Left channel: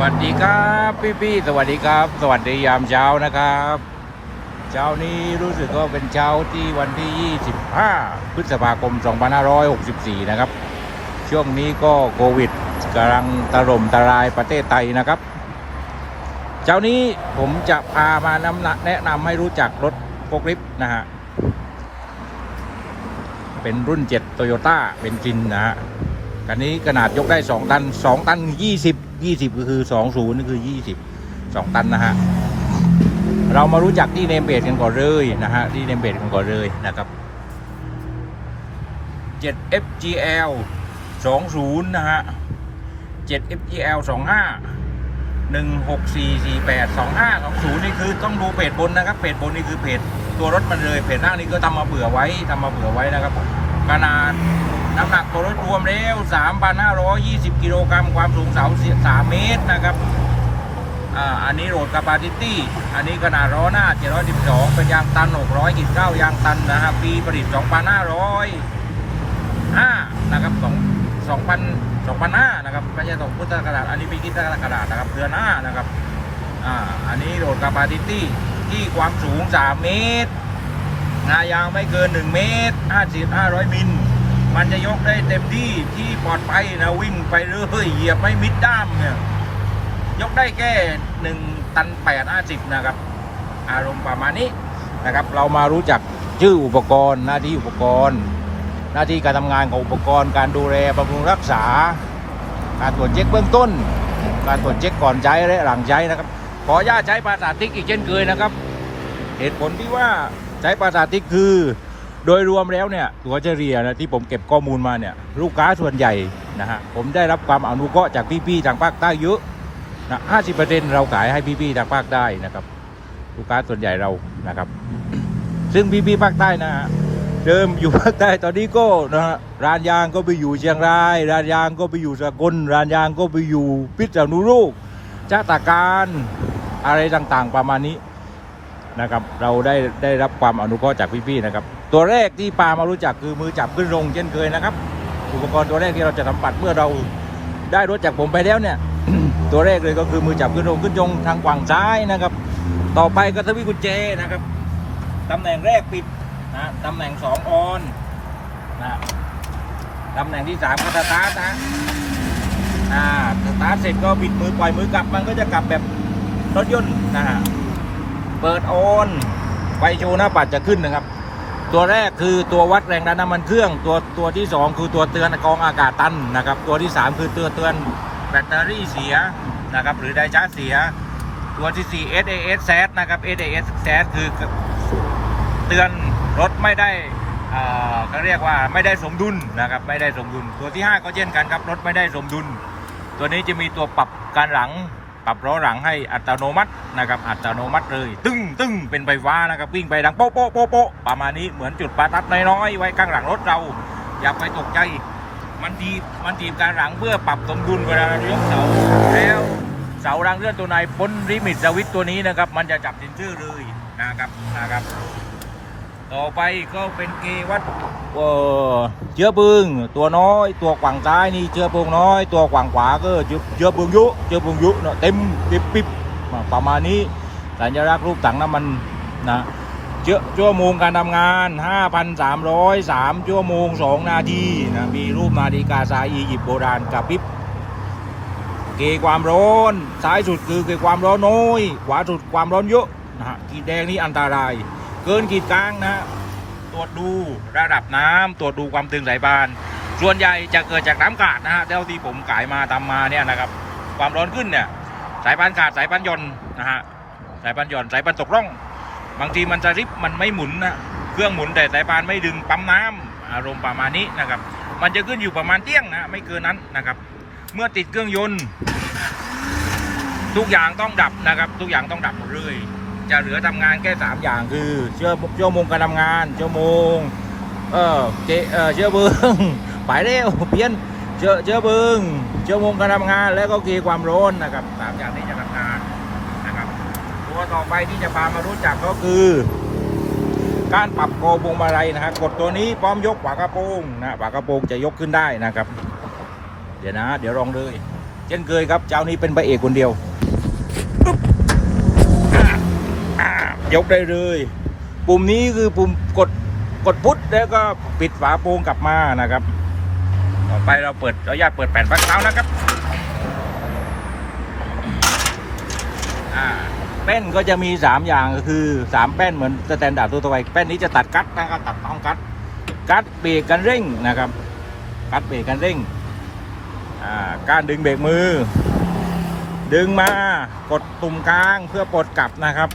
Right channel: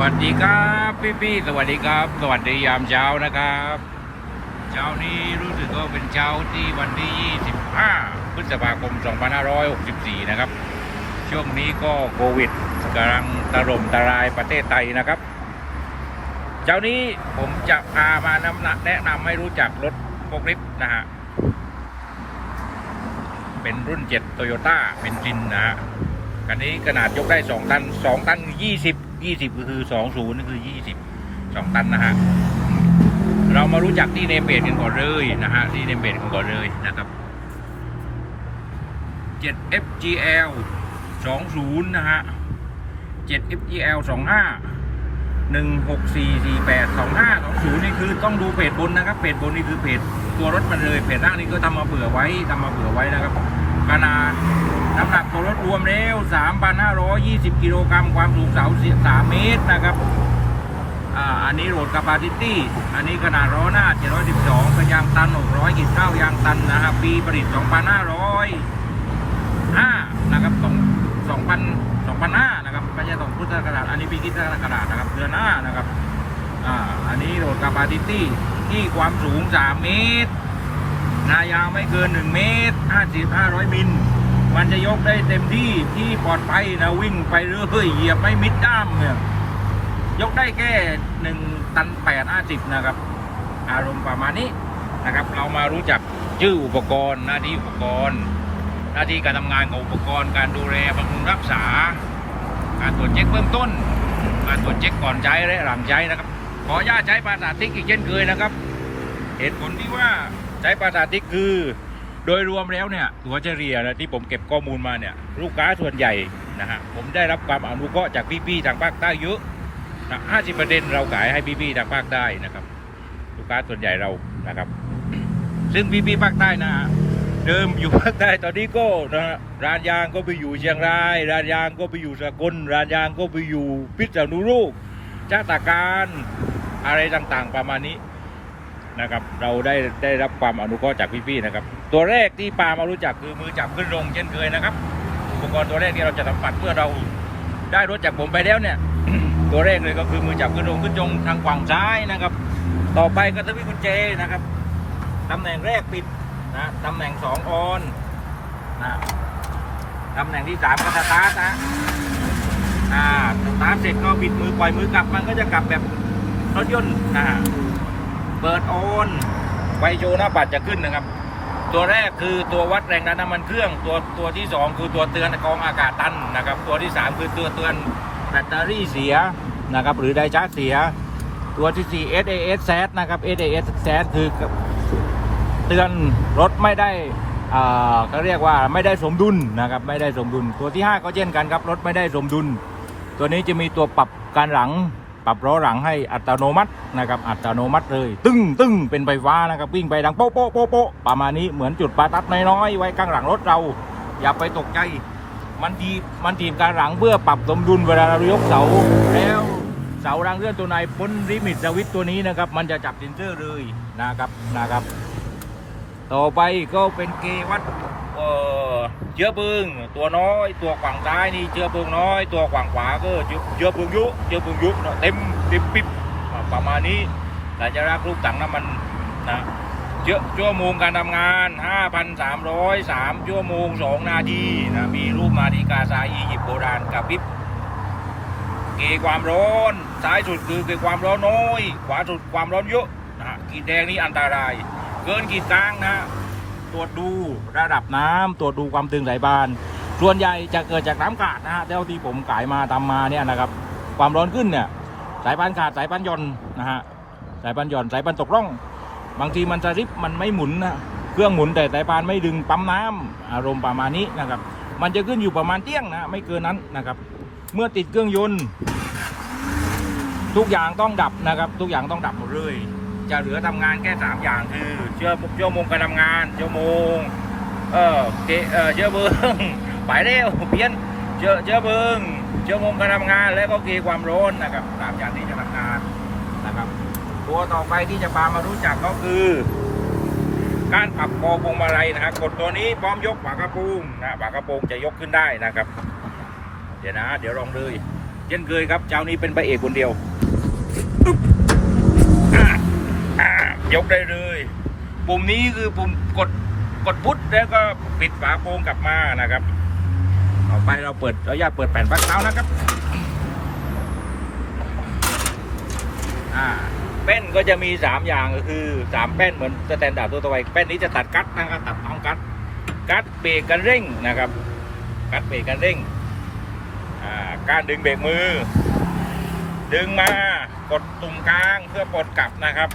วัสดีครับพี่พี่ๆสวัสดีครับ สวัสดียามเช้านะครับ เช้านี้รู้สึกว่าเป็นเช้าที่วันที่ 25 พฤษภาคม 2564 นะครับ ช่วงนี้ก็โควิดกำลังตล่มตรายประเทศไทยนะครับ เช้านี้ผมจะพามานำแนะนำให้รู้จักรถโฟกลิฟต์นะฮะ เป็นรุ่น7โตโยต้าเป็นจินนะฮะ คันนี้ขนาดยกได้ 2 ตัน 2 ตัน 20 20 ก็คือ 20นี่คือ 20 2 ตันนะฮะ เรามารู้จักที่เนมเบดกันก่อนเลยนะฮะที่เนมเบดกันก่อนเลยนะครับ 7FGL 20 นะฮะ 7FGL 25 16448 25 20 นี่คือต้องดูเพจบนนะครับเพจบนนี่คือเพจตัวรถมันเลยเพจล่างนี่ก็ทำมาเผื่อไว้ทำมาเผื่อไว้นะครับ ขนาดน้ำหนักตัวรถรวมแล้ว 3,520 กิโลกรัมความสูงเสา3เมตรนะครับอ่าอันนี้โหลดคาปาซิตี้ อันนี้ขนาดล้อหน้า 712 เป็นยางตัน 600กิโลยางตันนะครับ ปีผลิต 2,505นะครับ2 2,000 2,500นะครับไม่ใช่2พุทธศักราชอันนี้ปีคริดศักราชนะครับเดือนหน้านะครับอ่าอันนี้โหลดคาปาซิตี้ที่ความสูง 3 เมตร งายาวไม่เกิน 1 เมตร 50 500 มิล มันจะยกได้เต็มที่ที่ปลอดภัยนะวิ่งไปเรื่อยเหยียบไม่มิดด้ามเนี่ยยกได้แค่1ตัน8 50 นะครับ อารมณ์ประมาณนี้นะครับ เรามารู้จักชื่ออุปกรณ์หน้าที่อุปกรณ์ หน้าที่การทำงานของอุปกรณ์ การดูแลบำรุงรักษา การตรวจเช็คเบื้องต้น การตรวจเช็คก่อนใช้และหลังใช้นะครับ ขออนุญาตใช้ภาษาติ๊กอีกเช่นเคยนะครับ เหตุผลที่ว่า ใช้ภาษาติ๊กคือ โดยรวมแล้วเนี่ยตัวเฉลี่ยนะที่ผมเก็บข้อมูลมาเนี่ยลูกค้าส่วนใหญ่นะฮะผมได้รับความอนุเคราะห์จากพี่ๆทางภาคใต้เยอะนะห้าสิบเปอร์เซ็นเราขายให้พี่ๆทางภาคใต้นะครับ ลูกค้าส่วนใหญ่เรานะครับ ซึ่งพี่ๆภาคใต้นะฮะเดิมอยู่ภาคใต้ตอนนี้ก็นะฮะร้านยางก็ไปอยู่เชียงราย ร้านยางก็ไปอยู่สกลร้านยางก็ไปอยู่พิษณุโลกจ้าตาการอะไรต่างๆประมาณนี้ นะครับเราได้ได้รับความอนุเคราะห์จากพี่ๆนะครับตัวแรกที่ปามารู้จักคือมือจับขึ้นลงเช่นเคยนะครับ อุปกรณ์ตัวแรกที่เราจะสัมผัสเมื่อเราได้รถจากผมไปแล้วเนี่ย ตัวแรกเลยก็คือมือจับขึ้นลงขึ้นยงทางฝั่งซ้ายนะครับ ต่อไปก็ทวิกุญแจนะครับตำแหน่งแรกปิดนะตำแหน่งสองออนนะตำแหน่งที่สามก็สตาร์ทนะอ่าสตาร์ทเสร็จก็บิดมือปล่อยมือกลับมันก็จะกลับแบบรถยนต์นะฮะ เปิดโอนไฟโชว์หน้าปัดจะขึ้นนะครับ ตัวแรกคือตัววัดแรงดันน้ำมันเครื่อง ตัวตัวที่สองคือตัวเตือนกองอากาศตันนะครับ ตัวที่สามคือตัวเตือนแบตเตอรี่เสียนะครับ หรือไดชาร์จเสีย ตัวที่สี่ SAS SAT นะครับ SAS SAT คือเตือนรถไม่ได้อ่าก็เรียกว่าไม่ได้สมดุลนะครับ ไม่ได้สมดุล ตัวที่ห้าก็เช่นกันครับ รถไม่ได้สมดุล ตัวนี้จะมีตัวปรับการหลัง ปรับล้อหลังให้อัตโนมัตินะครับอัตโนมัติเลย ตึ้งตึ้งเป็นไฟฟ้านะครับวิ่งไปดังโป๊ะโป๊ะโป๊ะประมาณนี้เหมือนจุดประทัดน้อยๆไว้ข้างหลังรถเรา อย่าไปตกใจ มันทีมันทีมการหลังเพื่อปรับสมดุลเวลาเรายกเสาแล้วเสารางเลื่อนตัวในพ้นลิมิตสวิตตัวนี้นะครับมันจะจับเซนเซอร์เลยนะครับนะครับ ต่อไปก็เป็นเกวัดเอ่อเชื้อเพลิงตัวน้อยตัวขวางซ้ายนี่เชื้อเพลิงน้อย ตัวขวางขวาก็เชื้อเชื้อเพลิงยุเชื้อเพลิงยุเนอะเต็มปิบปิบประมาณนี้สัญลักษณ์รูปถังน้ำมันนะเชื้อชั่วโมงการทำงาน 5,303ชั่วโมง 2 นาทีนะมีรูปนาฬิกาทราอียิปต์โบราณกับพิบเกความร้อนซ้ายสุดคือเกความร้อนน้อยขวาสุดความร้อนเยอะนะฮะขีแดงนี่อันตราย เกินขีดกลางนะฮะตรวจดูระดับน้ำตรวจดูความตึงสายพาน ส่วนใหญ่จะเกิดจากน้ำขาดนะฮะเท่าที่ผมขายมาตามมาเนี่ยนะครับ ความร้อนขึ้นเนี่ยสายพานขาดสายพานย่นนะฮะสายพานย่นสายพานตกร่อง บางทีมันจะริบมันไม่หมุนนะเครื่องหมุนแต่สายพานไม่ดึงปั๊มน้ำอารมณ์ประมาณนี้นะครับ มันจะขึ้นอยู่ประมาณเที่ยงนะไม่เกินนั้นนะครับ เมื่อติดเครื่องยนต์ ทุกอย่างต้องดับนะครับ ทุกอย่างต้องดับหมดเลย จะเหลือทำงานแค่สามอย่างคือเชื่อชั่วโมงการทำงานเชั่วโมงเออเกเออเชื้อเพลิงไปแล้วเพี้ยนเชื้อเชื้อเพลิงชั่วโมงการทำงานแล้วก็เกความร้อนนะครับสามอย่างที่จะทำงานนะครับ ตัวต่อไปที่จะพามารู้จักก็คือ การปรับคอพวงมาลัยนะฮะกดตัวนี้พร้อมยกฝากระโปรงนะฝากระโปรงจะยกขึ้นได้นะครับ เดี๋ยวนะ เดี๋ยวลองเลย เช่นเคยครับเจ้านี้เป็นพระเอกคนเดียว ยกได้เลย ปุ่มนี้คือปุ่มกดกดพุทแล้วก็ปิดฝาโปรงกลับมานะครับ ต่อไปเราเปิดเราญาตเปิดแผ่นพักเท้านะครับแป้นก็จะมี 3 อย่างก็คือ 3 แป้นเหมือนสแตนดาร์ดตัวตัวไปแป้นนี้จะตัดกัดนะครับตัดต้องกัดกัดเบรกกันเร่งนะครับ กัดเบรกกันเร่งการดึงเบรกมือ ดึงมากดตุ่มกลางเพื่อปลดกลับนะครับ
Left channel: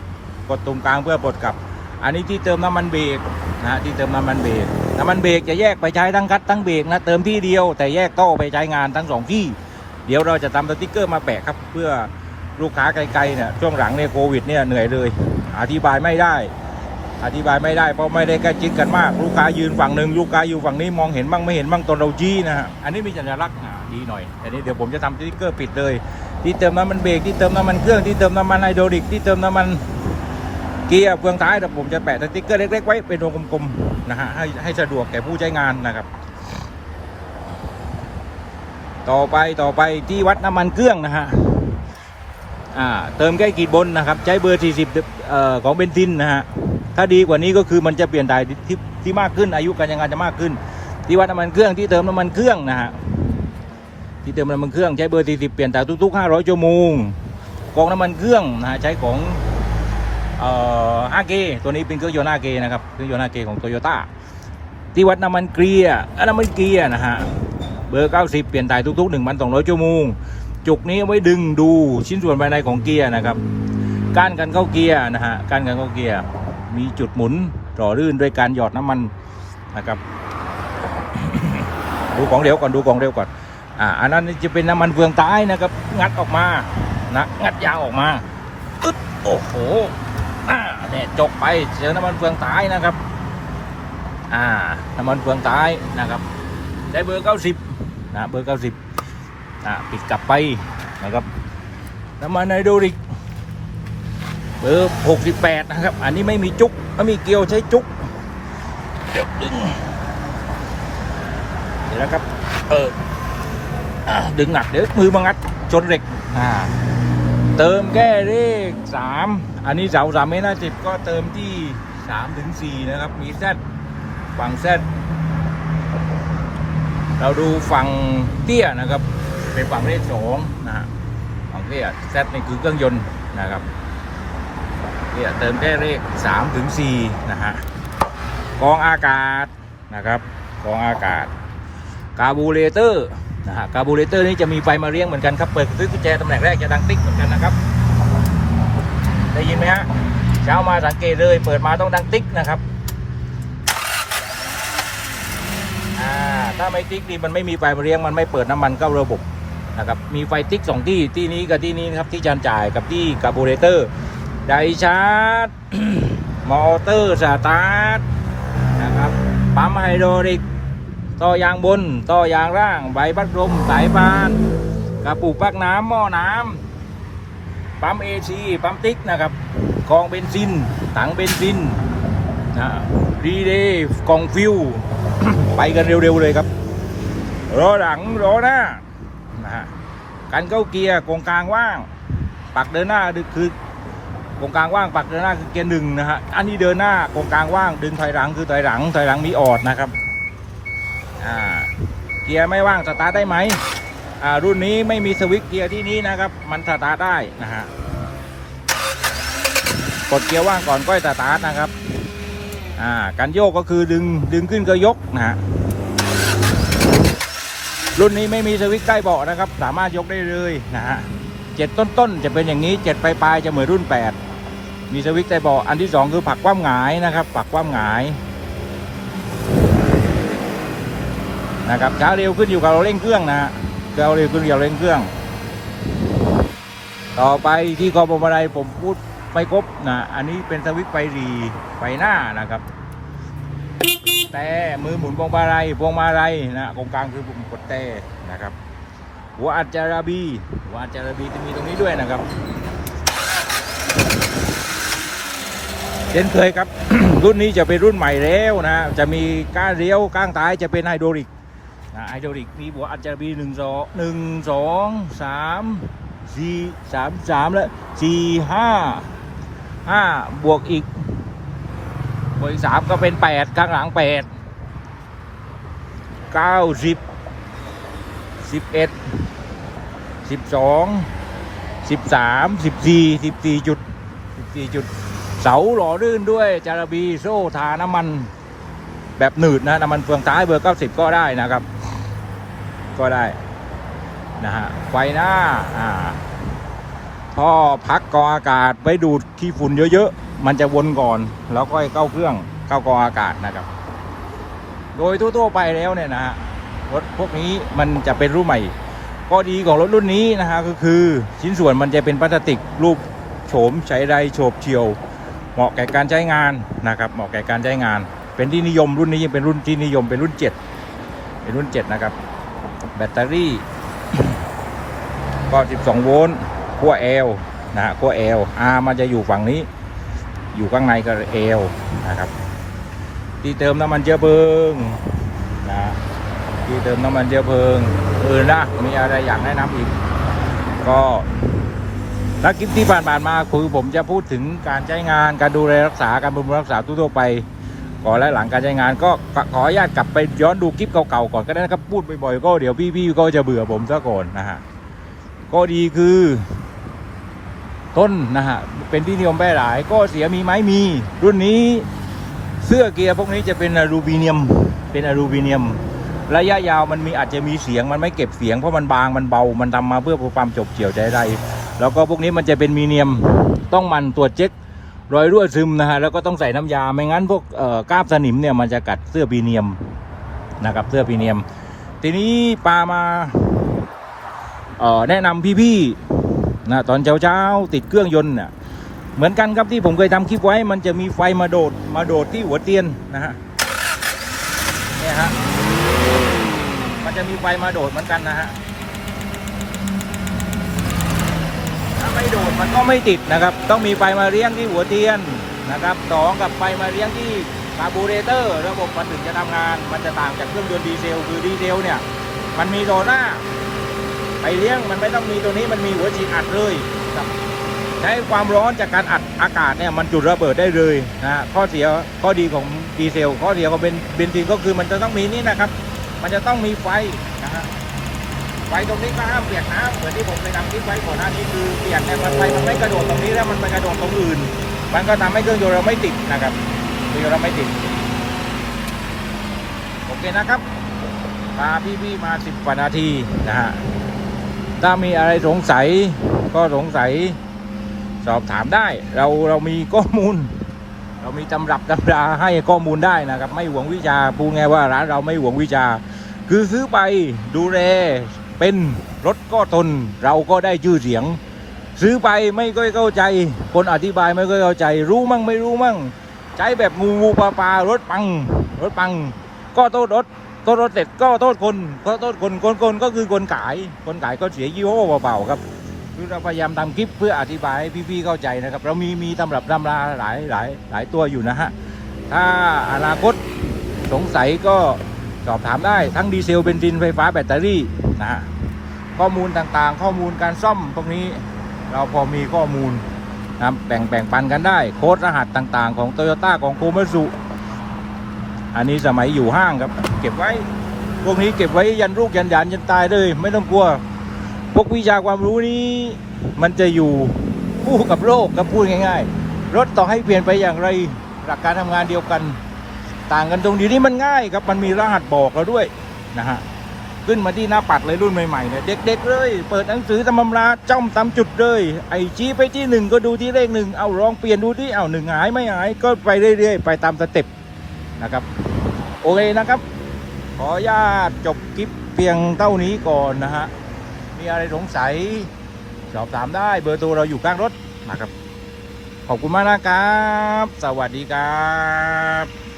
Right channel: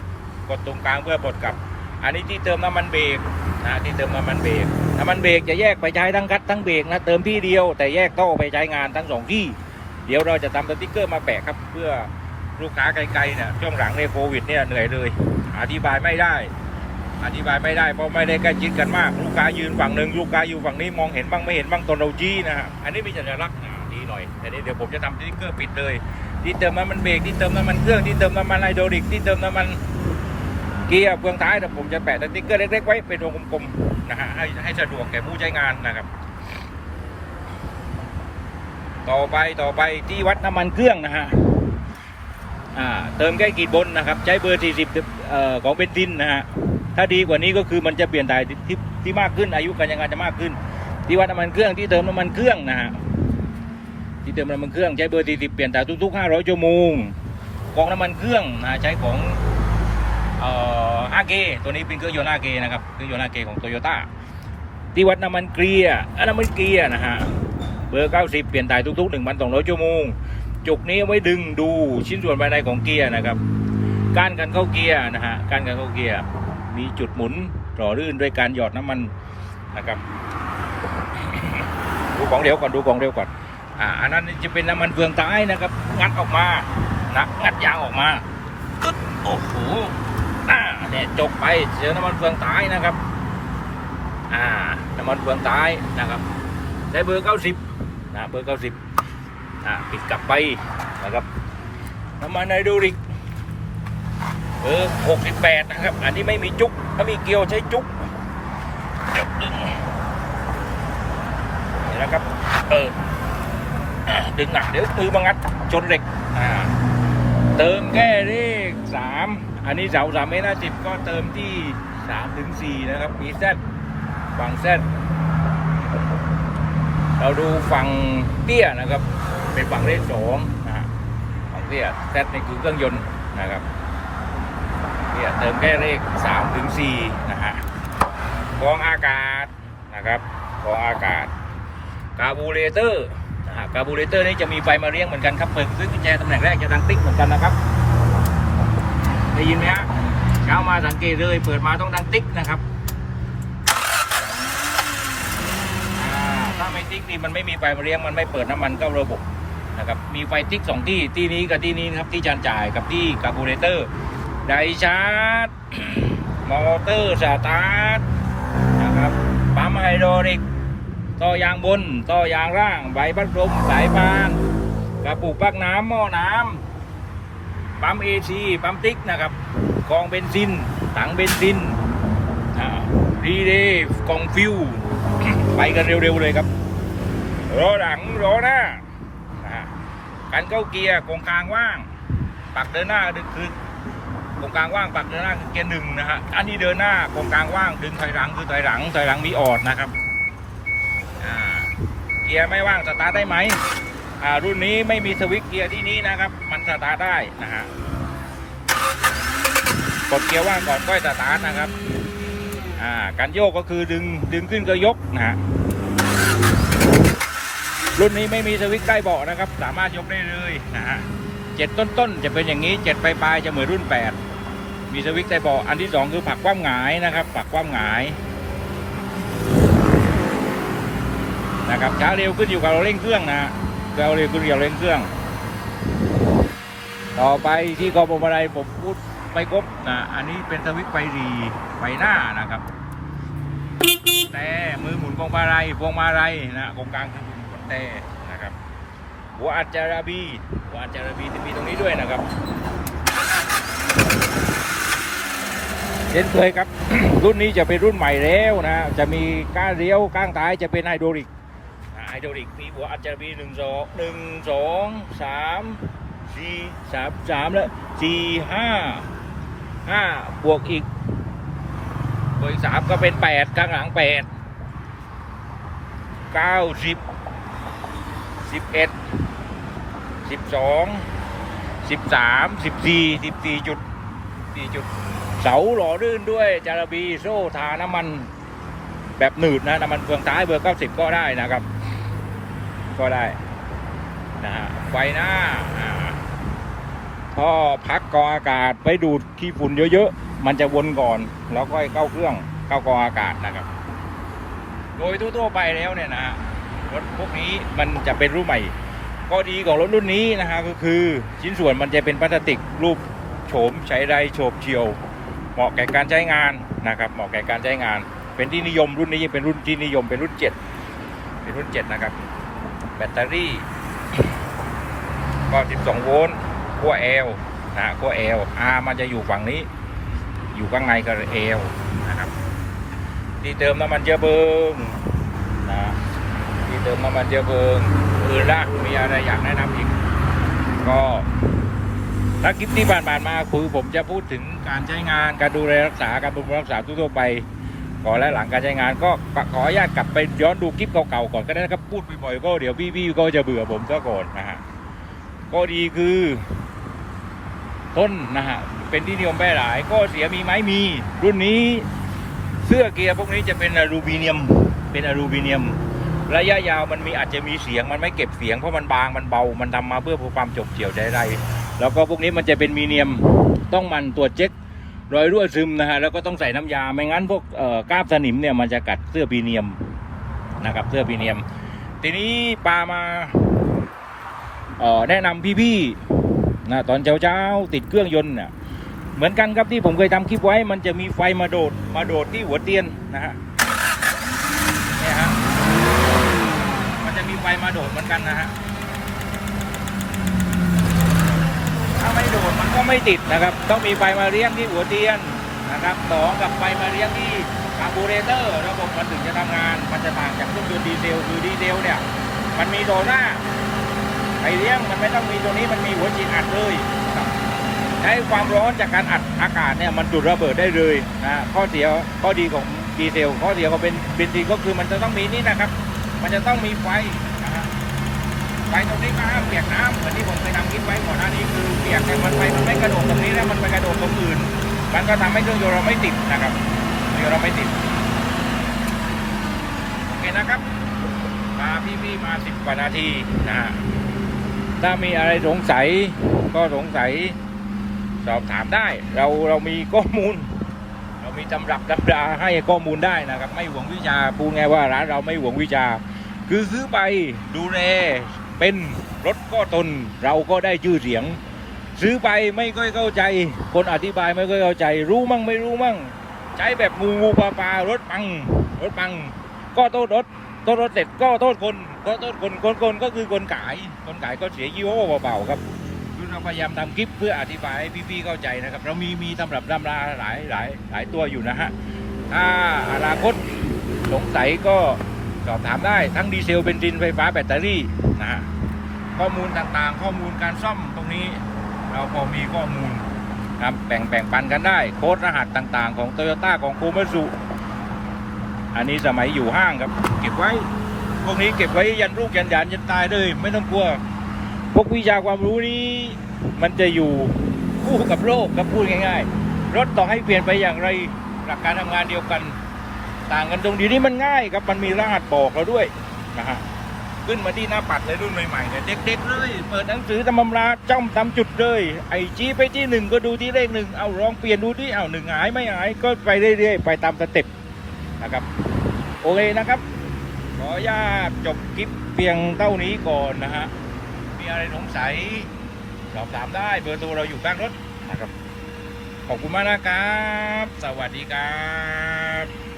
กดตุ่มกลางเพื่อปลดกลับ อันนี้ที่เติมน้ำมันเบรกนะที่เติมน้ำมันเบรกน้ำมันเบรกจะแยกไปใช้ทั้งกัดทั้งเบรกนะเติมที่เดียวแต่แยกโต้ไปใช้งานทั้งสองที่ เดี๋ยวเราจะทำสติ๊กเกอร์มาแปะครับเพื่อลูกค้าไกลๆเนี่ยช่วงหลังในยโควิดเนี่ยเหนื่อยเลย อธิบายไม่ได้ อธิบายไม่ได้เพราะไม่ได้ใกล้ชิดกันมาก ลูกค้ายืนฝั่งหนึ่งลูกค้าอยู่ฝั่งนี้มองเห็นบ้างไม่เห็นบ้างตัวเราจี้นะฮะอันนี้มีสัญลักษณ์อะดีหน่อยอันนี้เดี๋ยวผมจะทำสติ๊กเกอร์ปิดเลย ที่เติมน้ำมันเบรกที่เติมน้ำมันเครื่องที่เติมน้ำมันไฮดรอลิกที่เติมน้ำมัน เกียร์เฟืองท้ายแต่ผมจะแปะสติ๊กเกอร์เล็กๆไว้เป็นวงกลมๆนะฮะให้ให้สะดวกแก่ผู้ใช้งานนะครับ ต่อไปต่อไปที่วัดน้ำมันเครื่องนะฮะอ่าเติมแค่กีดบนนะครับ ใช้เบอร์ 40เอ่อของเบนซินนะฮะถ้าดีกว่านี้ก็คือมันจะเปลี่ยนถ่ายที่ที่มากขึ้นอายุการใช้งานจะมากขึ้น ที่วัดน้ำมันเครื่องที่เติมน้ำมันเครื่องนะฮะที่เติมน้ำมันเครื่องใช้เบอร์ 40 เปลี่ยนถ่ายทุกๆ 500ชั่วโมงกองน้ำมันเครื่องนะใช้ของ อ่ออากตัวนี้เป็นเครื่องยนต์อาเกนะครับ เครื่องยนต์อาเกของโตโยต้าที่วัดน้ำมันเกลียร์น้ำมันเกลียร์นะฮะ เบอร์ 90 เปลี่ยนถ่ายทุก ๆ 1,200 ชั่วโมง จุกนี้ไว้ดึงดูชิ้นส่วนภายในของเกียร์นะครับก้านกันเข้าเกียร์นะฮะก้านกันเข้าเกียร์มีจุดหมุนหล่อลื่นด้วยการหยอดน้ำมันนะครับ ดูของเร็วก่อน ดูของเร็วก่อน อ่า อันนั้นจะเป็นน้ำมันเฟืองท้ายนะครับ งัดออกมานะงัดยางออกมาอึดโอ้โห เนี่ยจบไปเจอน้ำมันเฟืองตายนะครับ อ่า น้ำมันเฟืองตายนะครับใช้เบอร์90นะเบอร์90อ่าติดกลับไปนะครับ น้ำมันไฮดรอลิกเบอร์68นะครับ อันนี้ไม่มีจุกถ้ามีเกลียวใช้จุกดึงนี่นะครับเอออดึงหนักเดี๋ยวมือมางัดจนเหล็ก อ่า เติมแค่เลขสาม อันนี้เสาสามเมตรห้าสิบก็เติมที่สามถึงสี่นะครับอีแซดฝั่งแซดเราดูฝั่งเตี้ยนะครับ เป็นฝั่งเลขสองนะฮะฝั่งเตี้ยแซดนี่คือเครื่องยนต์นะครับเตี้ยเติมแค่เลขสามถึงสี่นะฮะกองอากาศนะครับกองอากาศคาร์บูเรเตอร์นะฮะคาร์บูเรเตอร์นี่จะมีไฟมาเลี้ยงเหมือนกันครับ เปิดซื้อกุญแจตำแหน่งแรกจะดังติ๊กเหมือนกันนะครับ ได้ยินไหมฮะเช้ามาสังเกตเลย เปิดมาต้องดังติ๊กนะครับถ้าไม่ติ๊กนี่มันไม่มีไฟเลี้ยงมันไม่เปิดน้ำมันเข้าระบบนะครับมีไฟติ๊กสองที่ที่นี้กับที่นี้นะครับที่จานจ่ายกับที่คาร์บูเรเตอร์ไดชาร์จมอเตอร์สตาร์ทนะครับปั๊มไฮดรอลิกต่อยางบนต่อยางล่างใบพัดลมสายพานกระปุกปักน้ำหม้อน้ำ ปั๊มเอซีปั๊มติ๊กนะครับกองเบนซิน ถังเบนซินนะรีเลย์กองฟิว ไปกันเร็วๆเลยครับรอหลังรอหน้านะกันเข้าเกียร์กองกลางว่าง ปักเดินหน้าคือกองกลางว่างปักเดินหน้าคือเกียร์หนึ่งนะฮะอันนี้เดินหน้ากองกลางว่างดึงถอยหลังคือถอยหลังถอยหลังมีออดนะครับอ่าเกียร์ไม่ว่างสตาร์ทได้ไหม รุ่นนี้ไม่มีสวิตช์เกียร์ที่นี้นะครับ มันสตาร์ทได้นะฮะกดเกียร์ว่างก่อนก็สตาร์ทนะครับอ่าการโยกก็คือดึงดึงขึ้นก็ยกนะฮะรุ่นนี้ไม่มีสวิตช์ใกล้เบาะนะครับ สามารถยกได้เลยนะฮะเจ็ดต้นๆจะเป็นอย่างนี้เจ็ดปลายๆจะเหมือนรุ่นแปดมีสวิตช์ใต้เบาะอันที่สองคือผักคว่ำหงายนะครับผักคว่ำหงายนะครับช้าเร็วขึ้นอยู่กับเราเร่งเครื่องนะฮะ เราเร็วขึ้นอยู่กับเราเร่งเครื่อง ต่อไปที่กองพวงมาลัยผมพูดไปครบนะอันนี้เป็นสวิตไฟรีไฟหน้านะครับ แต่มือหมุนพวงมาลัยพวงมาลัยนะตรงกลางคือปุ่มกดแต่นะครับ หัวอัจจาระบีหัวอัจจาระบีจะมีตรงนี้ด้วยนะครับเช่นเคยครับ รุ่นนี้จะเป็นรุ่นใหม่แล้วนะ จะมีก้านเลี้ยวก้างท้ายจะเป็นไฮดรอลิก ไฮไฮดรอลิกมีบวกอาจจะมีหนึ่งสองหนึ่งสองสามสี่สามสามแล้วสี่ห้าห้าบวกอีกบวกสามก็เป็นแปดข้างหลังแปดเก้าสิบสิบเอ็ดสิบสองสิบสามสิบสี่สิบสี่จุดสี่จุด เสาหล่อลื่นด้วยจาระบีโซ่ทาน้ำมัน แบบหนืดนะน้ำมันเฟืองท้ายเบอร์90ก็ได้นะครับ ก็ได้นะฮะไฟหน้าอ่าพ่อพักกองอากาศไว้ดูดขี้ฝุ่นเยอะๆ มันจะวนก่อนแล้วค่อยเข้าเครื่องเข้ากองอากาศนะครับ โดยทั่วๆไปแล้วเนี่ยนะฮะรถพวกนี้มันจะเป็นรุ่นใหม่ก็ดีของรถรุ่นนี้นะฮะก็คือชิ้นส่วนมันจะเป็นพลาสติกรูปโฉมใช้ได้โฉบเฉียว เหมาะแก่การใช้งานนะครับ เหมาะแก่การใช้งาน เป็นที่นิยมรุ่นนี้ยังเป็นรุ่นที่นิยมเป็นรุ่น 7 เป็นรุ่น 7 นะครับ แบตเตอรี่ก็12 โวลต์ขั้ว L นะฮะขั้ว L R มันจะอยู่ฝั่งนี้ อยู่ข้างในก็ L นะครับ ที่เติมน้ำมันเชื้อเพลิงนะที่เติมน้ำมันเชื้อเพลิงอื่นนะมีอะไรอยากแนะนำอีก ก็ถ้าคลิปที่ผ่านๆมาคือผมจะพูดถึงการใช้งานการดูแลรักษาการบำรุงรักษาทั่วไป ก่อนและหลังการใช้งานก็ขออนุญาตกลับไปย้อนดูคลิปเก่าๆก่อนก็ได้นะครับพูดบ่อยๆก็เดี๋ยวพี่ๆก็จะเบื่อผมซะก่อนนะฮะก็ดีคือ ต้นนะฮะเป็นที่นิยมแพร่หลายก็เสียมีไหมมี รุ่นนี้เสื้อเกียร์พวกนี้จะเป็นอลูมิเนียมเป็นอลูมิเนียม ระยะยาวมันมีอาจจะมีเสียงมันไม่เก็บเสียงเพราะมันบางมันเบามันทำมาเพื่อความจบเกี่ยวใจได้แล้วก็พวกนี้มันจะเป็นมีเนียมต้องมันตรวจเช็ค รอยรั่วซึมนะฮะแล้วก็ต้องใส่น้ำยาไม่งั้นพวกกาบสนิมเนี่ยมันจะกัดเสื้อพีเนียมนะครับเสื้อพีเนียม ทีนี้ปามาแนะนำพี่ๆนะตอนเช้าๆติดเครื่องยนต์เนี่ยเหมือนกันครับที่ผมเคยทำคลิปไว้ มันจะมีไฟมาโดดมาโดดที่หัวเตียนนะฮะเนี่ยฮะมันจะมีไฟมาโดดเหมือนกันนะฮะ ถ้าไม่โดดมันก็ ไม่ติดนะครับ ต้องมีไฟมาเลี้ยงที่หัวเทียนนะครับสองกับไฟมาเลี้ยงที่คาร์บูเรเตอร์ระบบมันถึงจะทำงานมันจะต่างจากเครื่องยนต์ดีเซลคือดีเซลเนี่ยมันมีโดหน้าไอเลี้ยงมันไม่ต้องมีตัวนี้มันมีหัวฉีดอัดเลยใช้ความร้อนจากการอัดอากาศเนี่ยมันจุดระเบิดได้เลยนะข้อเสียข้อดีของดีเซลข้อเสียของเบนเบนซินก็คือมันจะต้องมีนี่นะครับ มันจะต้องมีไฟ ไฟตรงนี้ก็ห้ามเปียกน้ำเหมือนที่ผมไปทำคลิปไว้ก่อนหน้านี้คือเปียกแต่มันไฟมันไม่กระโดดตรงนี้แล้วมันไปกระโดดตรงอื่น มันก็ทำให้เครื่องยนต์เราไม่ติดนะครับเครื่องยนต์เราไม่ติดโอเคนะครับพาพี่ๆมาสิบกว่านาทีนะฮะถ้ามีอะไรสงสัยก็สงสัยสอบถามได้ เราเรามีข้อมูล เรามีตำรับตำราให้ข้อมูลได้นะครับ ไม่หวงวิชาพูดง่ายว่าร้านเราไม่หวงวิชา คือซื้อไปดูแล เป็นรถก็ตนเราก็ได้ชื่อเสียง ซื้อไปไม่ค่อยเข้าใจ คนอธิบายไม่ค่อยเข้าใจ รู้มั่งไม่รู้มั่ง ใช้แบบงูงูปลาปลารถปัง รถปัง ก็โทษรถโทษรถเสร็จก็โทษคนก็โทษคนคนคนก็คือคนขาย คนขายก็เสียยี่ห้อเปล่าๆครับคือเราพยายามทำคลิปเพื่ออธิบายให้พี่ๆเข้าใจนะครับ เรามีมีตำรับตำราหลายหลายหลายตัวอยู่นะฮะถ้าอนาคตสงสัยก็สอบถามได้ทั้งดีเซลเบนซินไฟฟ้าแบตเตอรี่ นะ ข้อมูลต่างๆ ข้อมูลการซ่อมตรงนี้เราพอมีข้อมูลนะแบ่งแบ่งปันกันได้ โค้ดรหัสต่างๆ ของโตโยต้าของโคมัสุอันนี้สมัยอยู่ห้างครับ เก็บไว้พวกนี้เก็บไว้ยันลูกยันหยานยันตายเลย ไม่ต้องกลัว พวกวิชาความรู้นี้ มันจะอยู่คู่กับโลกครับพูดง่าย ๆ รถต่อให้เปลี่ยนไปอย่างไรหลักการทำงานเดียวกัน ต่างกันตรงดีนี้มันง่ายครับมันมีรหัสบอกเราด้วยนะฮะ ขึ้นมาที่หน้าปัดเลยรุ่นใหม่ๆเนี่ยเด็กๆเลย เปิดหนังสือตำรำราจ้องตามจุดเลย ไอชี้ไปที่หนึ่งก็ดูที่เลขหนึ่งเอาลองเปลี่ยนดูที่เอาหนึ่งหายไม่หายก็ไปเรื่อยๆ ไปตามสเต็ปนะครับโอเคนะครับ ขออนุญาตจบคลิปเพียงเท่านี้ก่อนนะฮะมีอะไรสงสัยสอบถามได้เบอร์โทรเราอยู่ข้างรถนะครับขอบคุณมากนะครับ สวัสดีครับ